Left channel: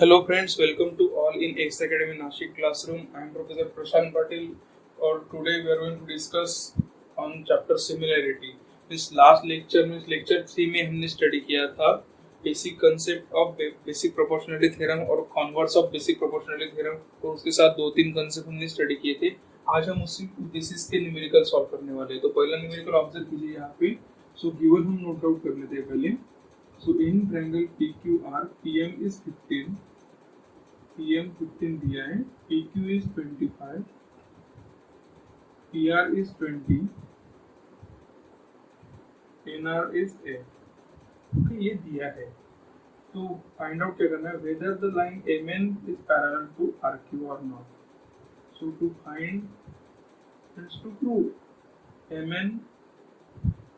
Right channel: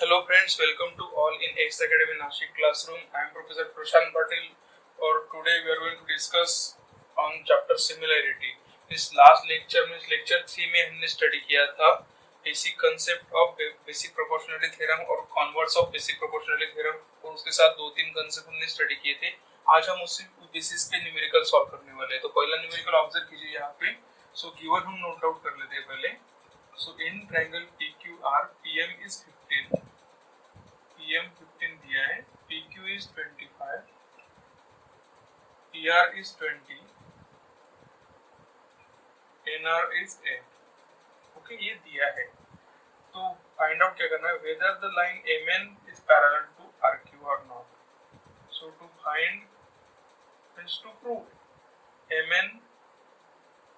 Hello friends, welcome to all in X Academy Nashik classroom. I am Professor Prashant Patil और today we are going to discuss on chapter similarity. इस last lecture में lecture 3 में हमने study किया था basic concept of basic proportionality theorem और converse of basic proportionality theorem और उसके साथ दो तीन concept हमने study किए थे. आज हम उसी basis पे numerical solve करने वाले हैं. तो पहला numerical observe कीजिए यहाँ पे. So given हम note out कर लेते हैं पहले. So in triangle PQR, PM is 15, PM 15 दिया है, PQ is 25, PR is 20, NR is 8. Okay ये दिया है. तो फाइंड आउट क्या करना है, whether the line MN is parallel to RQ or not. So to find is to prove MN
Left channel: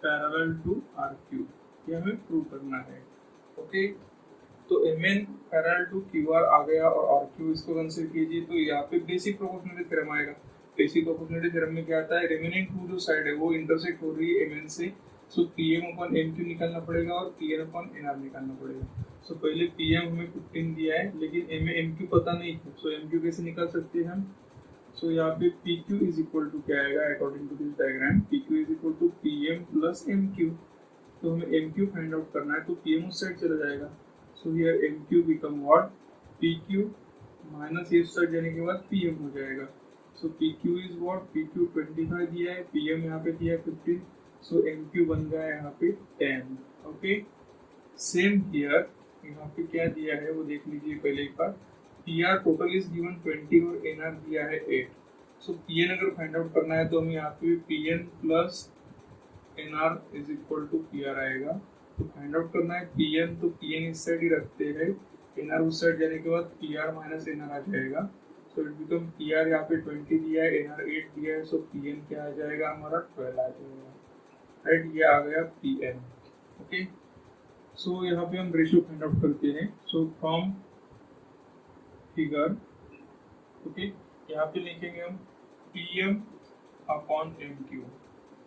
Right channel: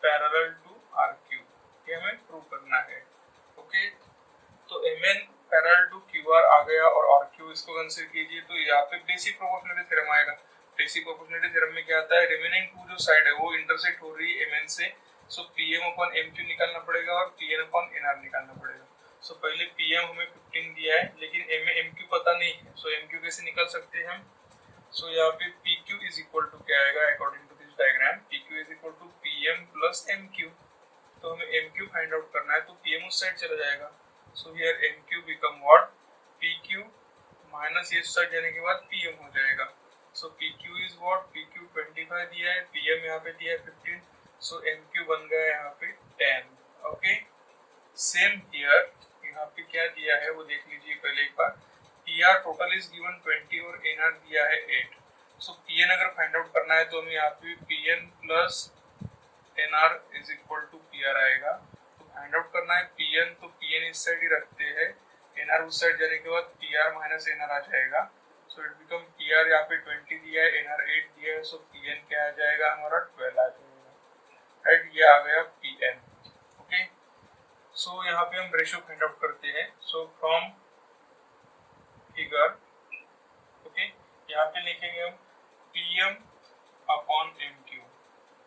parallel to RQ. ये हमें प्रूव करना है. ओके तो MN पैरेलल टू QR आ गया और RQ इसको कंसीडर कीजिए. तो यहाँ पे बेसिक प्रोपोर्शनलिटी थ्योरम आएगा. बेसिक प्रोपोर्शनलिटी थ्योरम में क्या आता है, रिमेनिंग टू जो साइड है वो इंटरसेक्ट हो रही है MN से. सो PM अपॉन MQ निकालना पड़ेगा और PN अपॉन NR निकालना पड़ेगा. सो पहले PM हमें 15 दिया है लेकिन MQ पता नहीं है. सो MQ कैसे निकाल सकते हैं हम. सो यहाँ पे PQ इज इक्वल टू क्या आएगा according to this diagram, PQ is equal to PM plus MQ. तो हमें MQ फाइंड आउट करना है तो PM उस साइड चला जाएगा. So here MQ become what, PQ minus ये साइड जाने के बाद PM हो जाएगा. सो PQ इज व्हाट, PQ 25 दिया है, PM यहाँ पे दिया है 15. सो MQ बन गया यहाँ पे 10. ओके सेम हियर यहाँ पे क्या दिया है वो देख लीजिए पहले एक बार. PR टोटल इज गिवन 20 और NR दिया है 8. सो PN अगर फाइंड आउट करना है तो हमें यहाँ पे PN plus NR is equal to PR आएगा. तो फाइंड आउट करना है PN, तो PN इस साइड ही रखते हैं, NR उस साइड जाने के बाद PR माइनस NR आ जाएगा. सो इट बिकम PR यहाँ पे 20 दिया है, NR 8 दिया है. सो PN क्या आ जाएगा हमारा 12 आ जाएगा. राइट ये आ गया PN. ओके सो यहाँ पे हम रेशियो फाइंड आउट करते हैं. सो फ्रॉम फिगर ओके यहाँ पे लिखेंगे हम PM अपॉन MQ.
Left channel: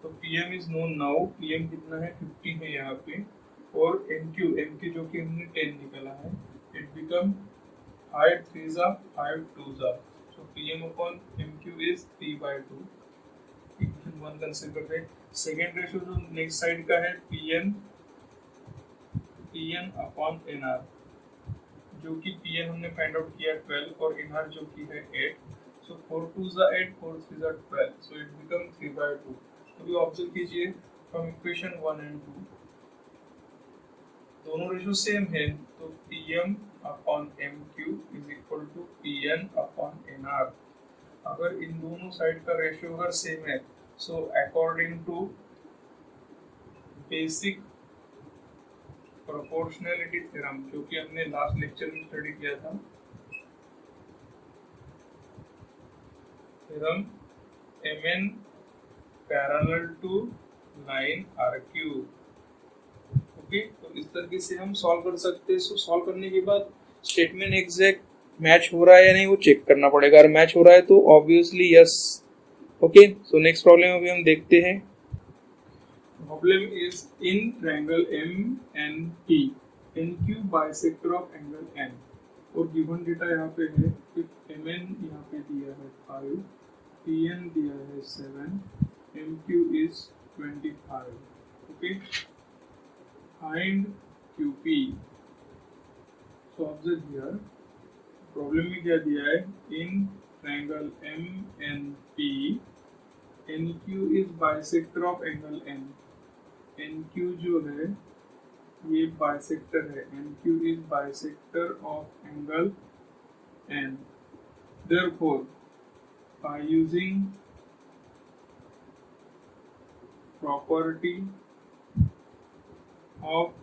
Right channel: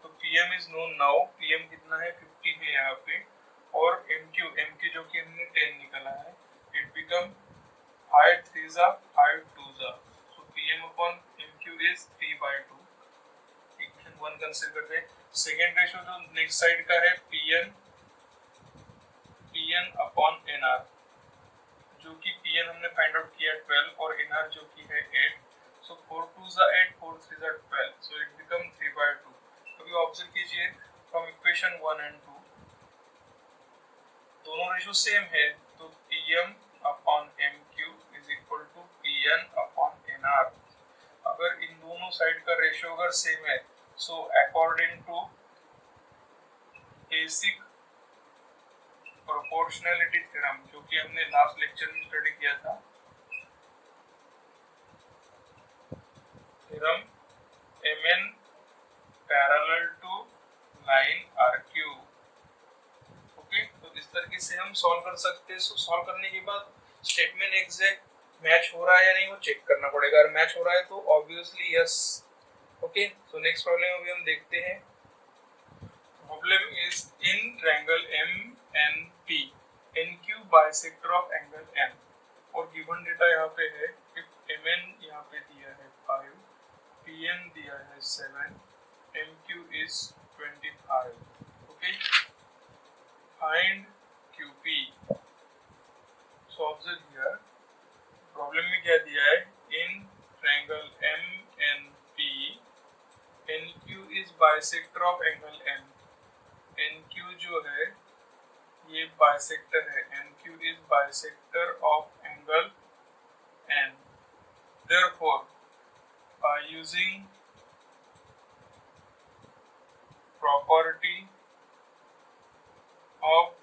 तो PM is known now, PM कितना है 50 है यहाँ पे, और MQ जो कि हमने 10 निकाला है, it become 5 3 5 2 so PM upon MQ is 3/2. Equation 1 consider करते हैं. सेकेंड रेशियो जो नेक्स्ट साइड का है PN अपॉन NR, जो कि PN हमने फाइंड आउट किया 12 और NR जो कि है 8. सो 4 2 8 4 3 12. सो इट बिकम 3/2. अभी ऑब्जर्व कीजिए फ्रॉम इक्वेशन 1 एंड 2 दोनों रेशियो सेम है. तो PM upon MQ is equal to PN upon NR. अगर इन दोनों साइड का रेशियो अगर सेम है, so according to basic proportionality theorem जो कि हमने लास्ट लेक्चर में स्टडी किया था, theorem MN parallel to line RQ. Okay तो इस तरीके से हम सॉल्व कर सकते हैं. सो सॉल्व करने के बाद स्टेटमेंट एग्जैक्ट मैच हो रहा है या नहीं वो चेक करना पड़ेगा. अगर मैच हो रहा है तो obviously yes. Okay so next problem अभी हम देखते हैं. Problem is in triangle MNP NQ bisector of angle N और गिवन डेटा यहाँ पे है. इफ MN यहाँ पे दिया है 5, PN दिया है 7, MQ is 25. Okay. Find QP. So observe here. Problem में क्या दिया है? In triangle MNP, NQ is bisector of angle N. NQ जो है ये bisector है. NQ is bisector of angle N. Therefore, by using property of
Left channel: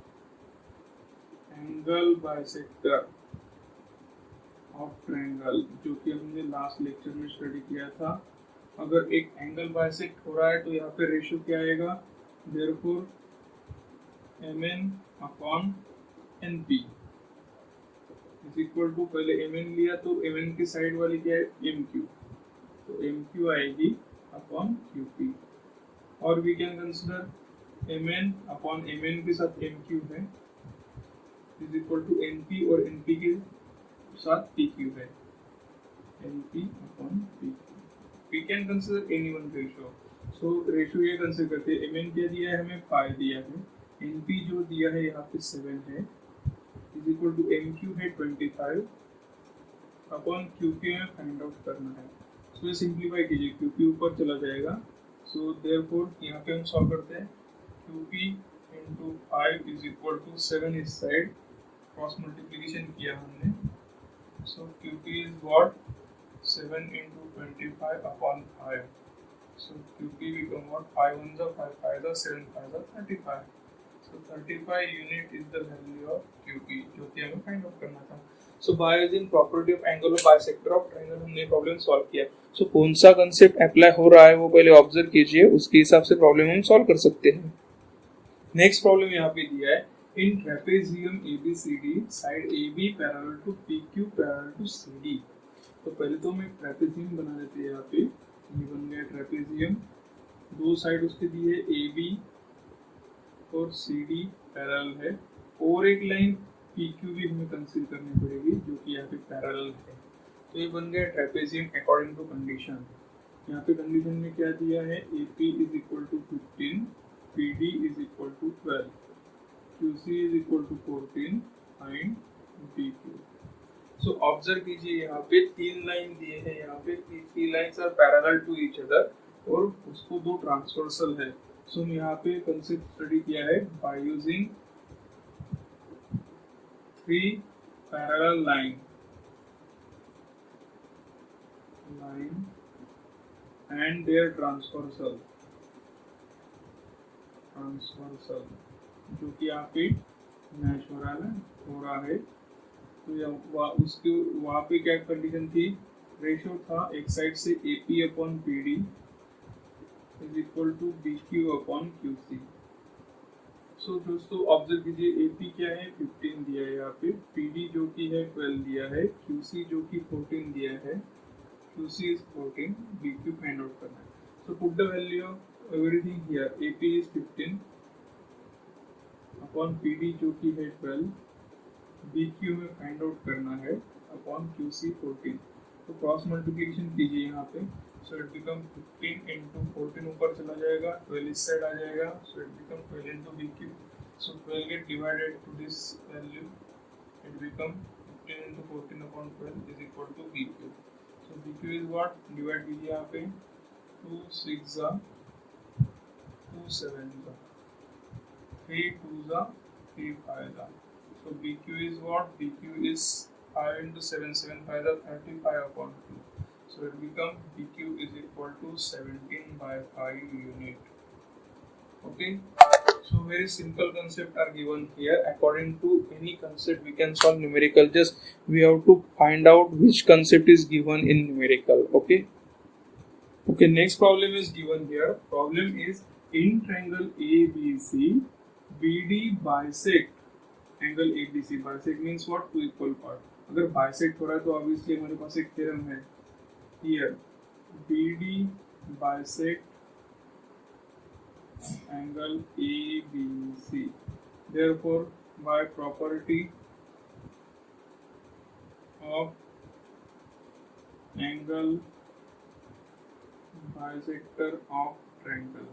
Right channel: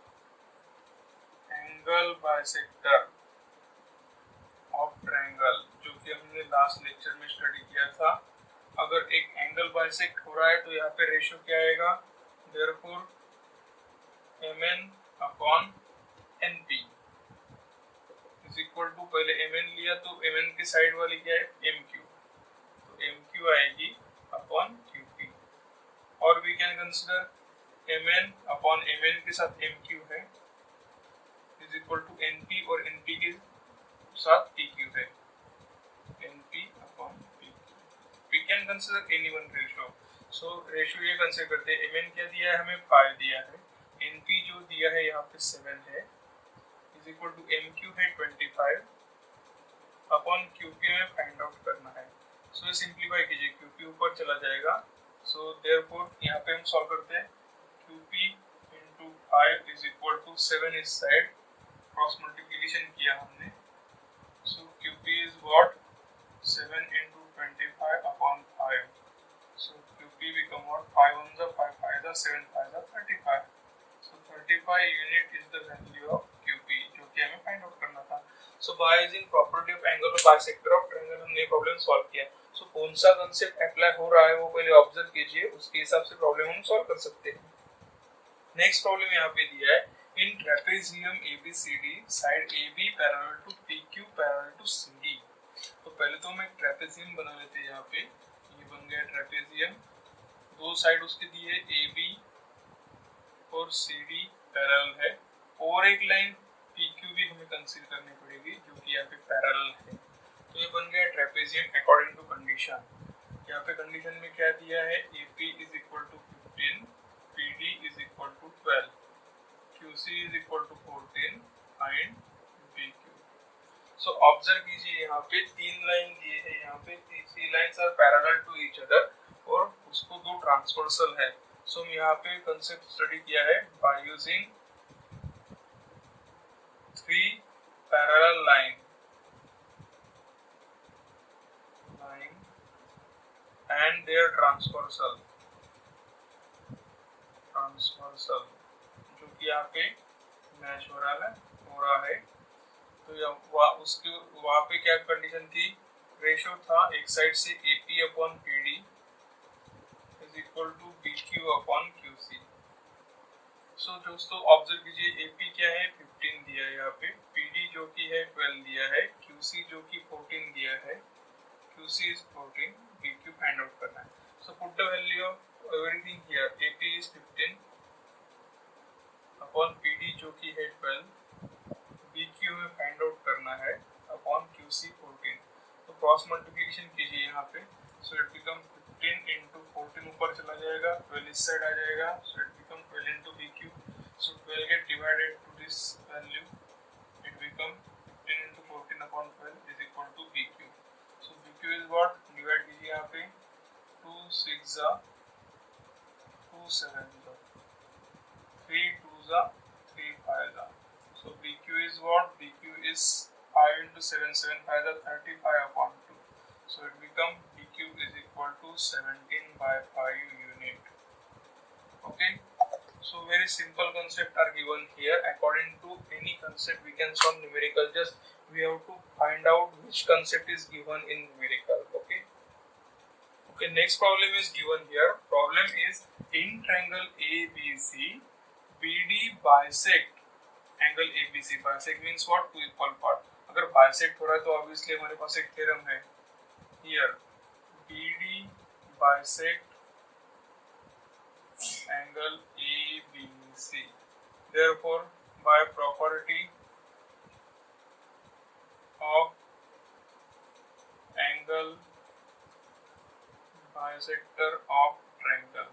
angle bisector of triangle जो कि हमने लास्ट लेक्चर में स्टडी किया था, अगर एक एंगल बाइसेक्ट हो रहा है तो यहाँ पे रेशियो क्या आएगा, therefore MN upon NP is equal to, पहले MN लिया तो MN की साइड वाली क्या है MQ, तो MQ आएगी अपॉन QP. और we can consider MN upon MN के साथ MQ है इज इक्वल टू NP और NP के साथ पी क्यू है, N P upon P Q. We can consider any one ratio. So ratio ये कंसिडर करते हैं, एम एन क्या दिया है हमें 5 दिया है, एन पी जो दिया है यहाँ पे 7 है, is equal to M Q है 25 अपॉन क्यू पी हमें फाइंड आउट करना है। सो ये सिंप्लीफाई कीजिए, क्यू पी ऊपर चला जाएगा। सो देयरफॉर यहाँ पे हम सॉल्व करते हैं, q p into 5 is equal to 7 इस साइड, क्रॉस मल्टीप्लीकेशन किया हमने। So q p is what 7 into 25 upon 5. So QP become what? 5 on the 5 5 the 7 5 the 35. So 35 unit is the value of QP जो कि हमें find out करना था। So by using property of angle of bisector of triangle हमने problem solve किया। So कौन सा concept apply हो रहा है वो पहले ऑब्जर्व कीजिए, उसके हिसाब से प्रॉब्लम हम सॉल्व कर सकते हैं। नेक्स्ट प्रॉब्लम यहाँ पे दिया है, in trapezium ABCD side AB parallel to PQ parallel to CD। तो पहले तो हम एक ट्रेपेजियम बना लेते हैं। यहाँ पे ये बन गया ट्रेपेजियम, दो साइड उसके दिए ए बी और सी डी पैरेलल है, और एक लाइन पी क्यू भी हमें कंसीडर करनी पड़ेगी जो कि यहाँ पे पैरेलल है। तो ये बन गया ट्रेपेजियम अकॉर्डिंग टू कंडीशन। यहाँ पे कंडीशन में क्या दिया है, A P is equal to 15, P D is equal to 12, Q C is equal to 14 find P Q. So observe कीजिए, यहाँ पे 3 लाइन दिए हैं, यहाँ पे 3 lines are parallel to each other और उसको 2 ट्रांसवर्सल है। सो हम यहाँ पे कंसेप्ट स्टडी किया है by using 3 parallel line and their transversal जो कि यहाँ पे मैच हो रहा है। तो उसके वहाँ पे क्या कंडीशन थी, रेशियो था एक साइड से A P upon P D is equal to B Q upon Q C. So दोस्तों ऑब्जर्व कीजिए, ए पी क्या है 15 दिया है यहाँ पे, पी डी जो कि है 12 दिया है, क्यू सी जो कि 14 दिया है, Q C is 14, B Q find out करना है। So put the value of everything here, A P is 15 upon P D जो कि है 12, बी क्यू में फाइंड आउट करना है अपॉन क्यू सी 14। तो क्रॉस मल्टीप्लिकेशन कीजिए यहाँ पे। सो इट बिकम 15 इंटू 14 ऊपर चला जाएगा, 12 इस साइड आ जाएगा, so it become 12 into B Q. So 12 get divided to this value, it become 15 into 14 upon 12 is equal to B Q. So B Q is what, divide कीजिए यहाँ पे, 2 6 जा 2 7 जा 3 2 जा 3 5 जा। So BQ is what? BQ is 5 into 7, 7 5 are 35 upon 2. So it becomes BQ is equal to 17 by 5 unit. Okay. So very simple concept are given here. According to any concept we can solve numerical. Just we have to find out which concept is given in numerical. Okay. Okay. Next problem is given here. Problem is in triangle ABC, BD bisect angle ABC। Bisect means what, 2 equal part. अगर bisect हो रहा है तो obviously हमारे पास एक theorem है here, BD bisect angle ABC। Therefore by property of angle bisector of triangle,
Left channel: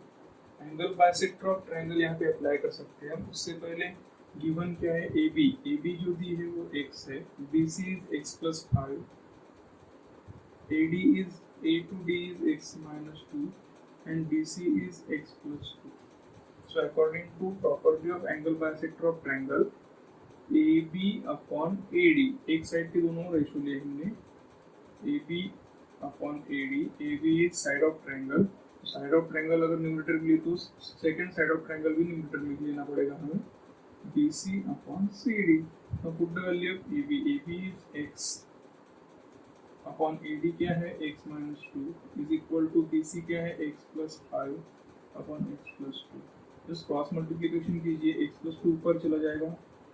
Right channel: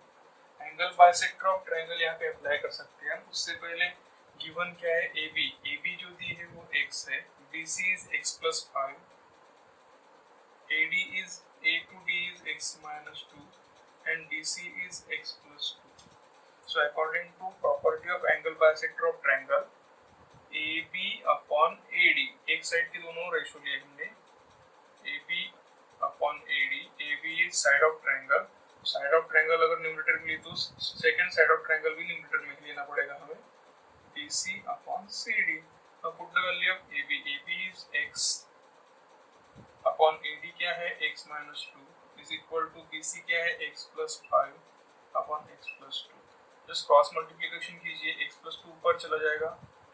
angle bisector of triangle यहाँ पे अप्लाई कर सकते हैं। उससे पहले गिवन क्या है, ए बी जो दी है वो x है, BC is x plus 5, AD is A to D is x minus 2 and DC is x plus 2. So according to property of angle bisector of triangle, AB upon AD, एक side के दोनों ratio लिए हमने, AB upon AD, AB is side of triangle, side of triangle अगर numerator में लिए तो second side of triangle भी न्यूमरेटर में लेना पड़ेगा हमें, BC upon CD. Now put the value of AB. AB is x upon AD क्या है, x minus 2 is equal to BC क्या है, x plus 5 upon x plus 2. Just cross multiplication कीजिए, x plus 2 ऊपर चला जाएगा,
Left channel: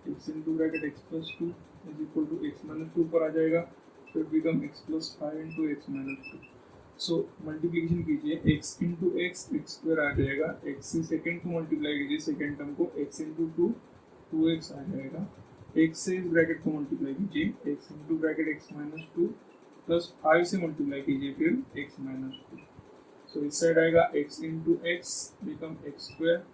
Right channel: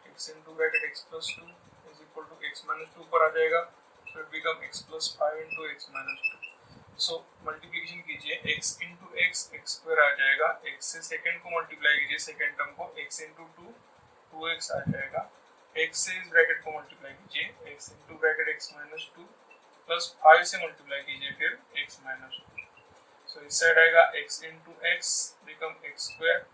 x into bracket x plus 2 is equal to x minus 2 ऊपर आ जाएगा, so it become x plus 5 into x minus 2. So multiplication कीजिए, x into x x square आ जाएगा, x से second को मल्टीप्लाई कीजिए, सेकंड टर्म को, x into 2 2x आ जाएगा, x से इस ब्रैकेट को मल्टीप्लाई कीजिए, x into bracket x minus 2 plus 5 से मल्टीप्लाई कीजिए फिर x माइनस 2। सो इस साइड आएगा x into x become x square,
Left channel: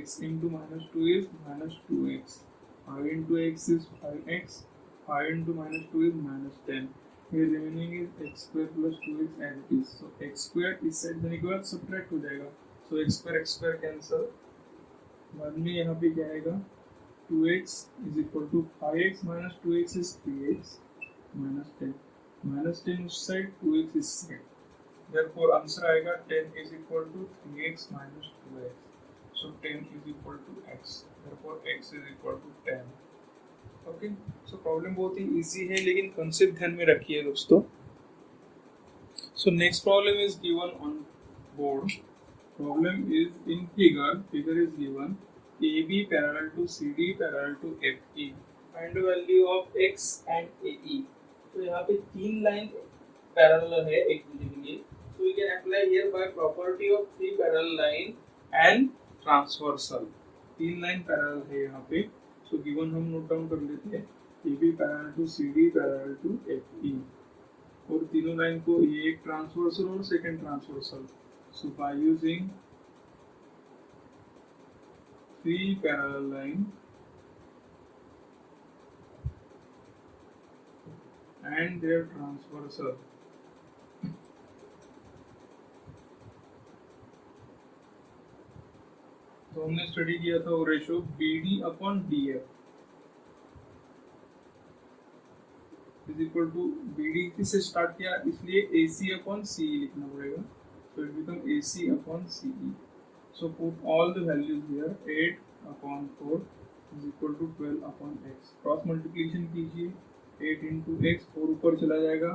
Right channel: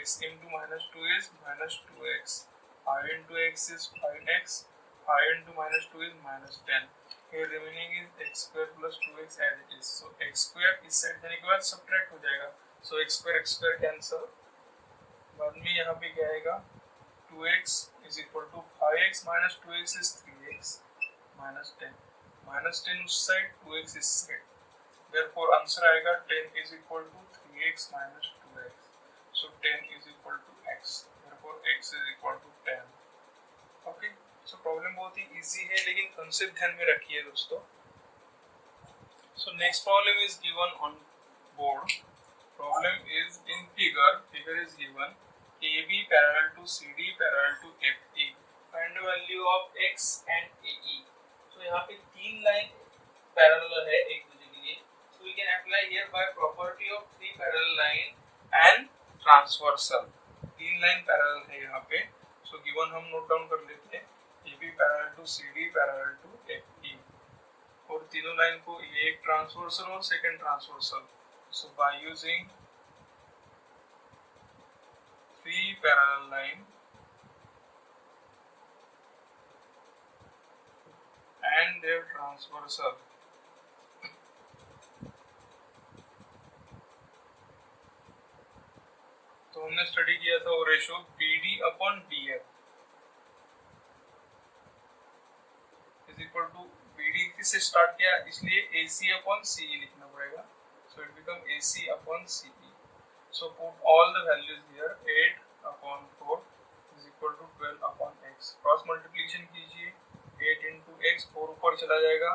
x into minus 2 is minus 2x, 5 into x is 5x, 5 into minus 2 is minus 10. Here remaining is x square plus 2x as it is. So x square इस side जाने के बाद subtract हो जाएगा. So x square cancel. बाद में यहाँ पे क्या आएगा? 2x is equal to 5x minus 2x is 3x minus 10. Minus 10 उस साइड, 2x इस साइड. Therefore answer आएगा 10 is equal to 3x minus 2x. So 10 is equal to x. Therefore x is equal to 10. Okay, so problem बहुत ही easy है, लेकिन concept ध्यान में रखिए दोस्तों। So next problem is given on board. Problem is in figure is given AB parallel to CD parallel to FE, find value of X and AE। तो यहाँ पे तीन लाइन पैरेलल है एक दूसरे के लिए, so we can apply here by property of three parallel line and transversal. तीन लाइन पैरेलल है यहाँ पे, सो गिवन हम नोट डाउन कर लेते हैं AB parallel to CD parallel to FE, और तीनों लाइन को ये एक ट्रांसवर्सल और second transversal. So by using three parallel line and their transversal, तो हमने स्टडी किया था वो ratio BD upon DF is equal to, BD किससे स्टार्ट किया इसलिए AC अपॉन CE लिखना पड़ेगा, so it become AC upon CE। So put all the values here, 8 upon 4 is equal to 12 upon x। Cross multiplication कीजिए, 8 into x, 4 ऊपर चला जाएगा,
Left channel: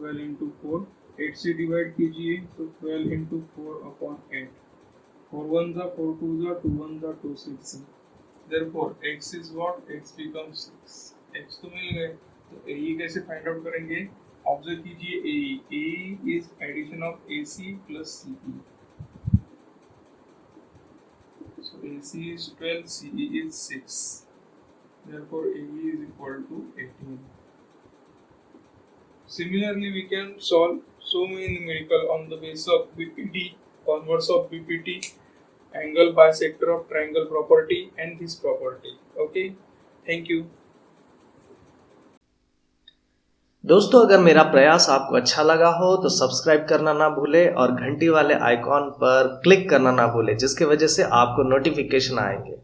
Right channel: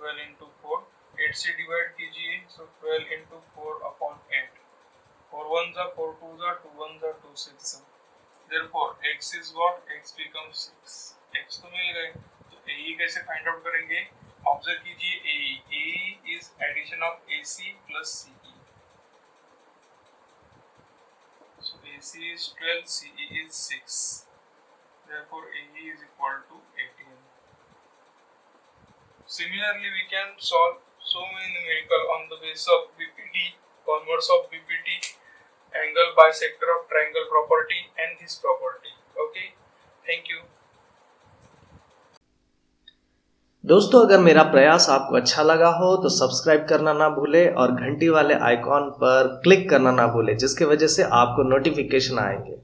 12 into 4, 8 से डिवाइड कीजिए, सो 12 into 4 upon 8, 4 1s are 4 2s are 2 1s are 2 6। Therefore x is what? X becomes 6। x तो मिल गए, तो AE कैसे फाइंड आउट करेंगे? ऑब्जर्व कीजिए AE, AE is addition of AC plus CE। So AC is 12, CE is 6। Therefore AE is equal to 18। Similarly, we can solve so many numerical on the basis of BPT, converse of BPT, angle bisector of triangle property and this property। Okay, thank you। दोस्तों, अगर मेरा प्रयास आपको अच्छा लगा हो तो subscribe करना ना भूले और घंटी वाले आइकॉन पर क्लिक करना ना भूले, जिसकी वजह से आपको नोटिफिकेशन आएंगे।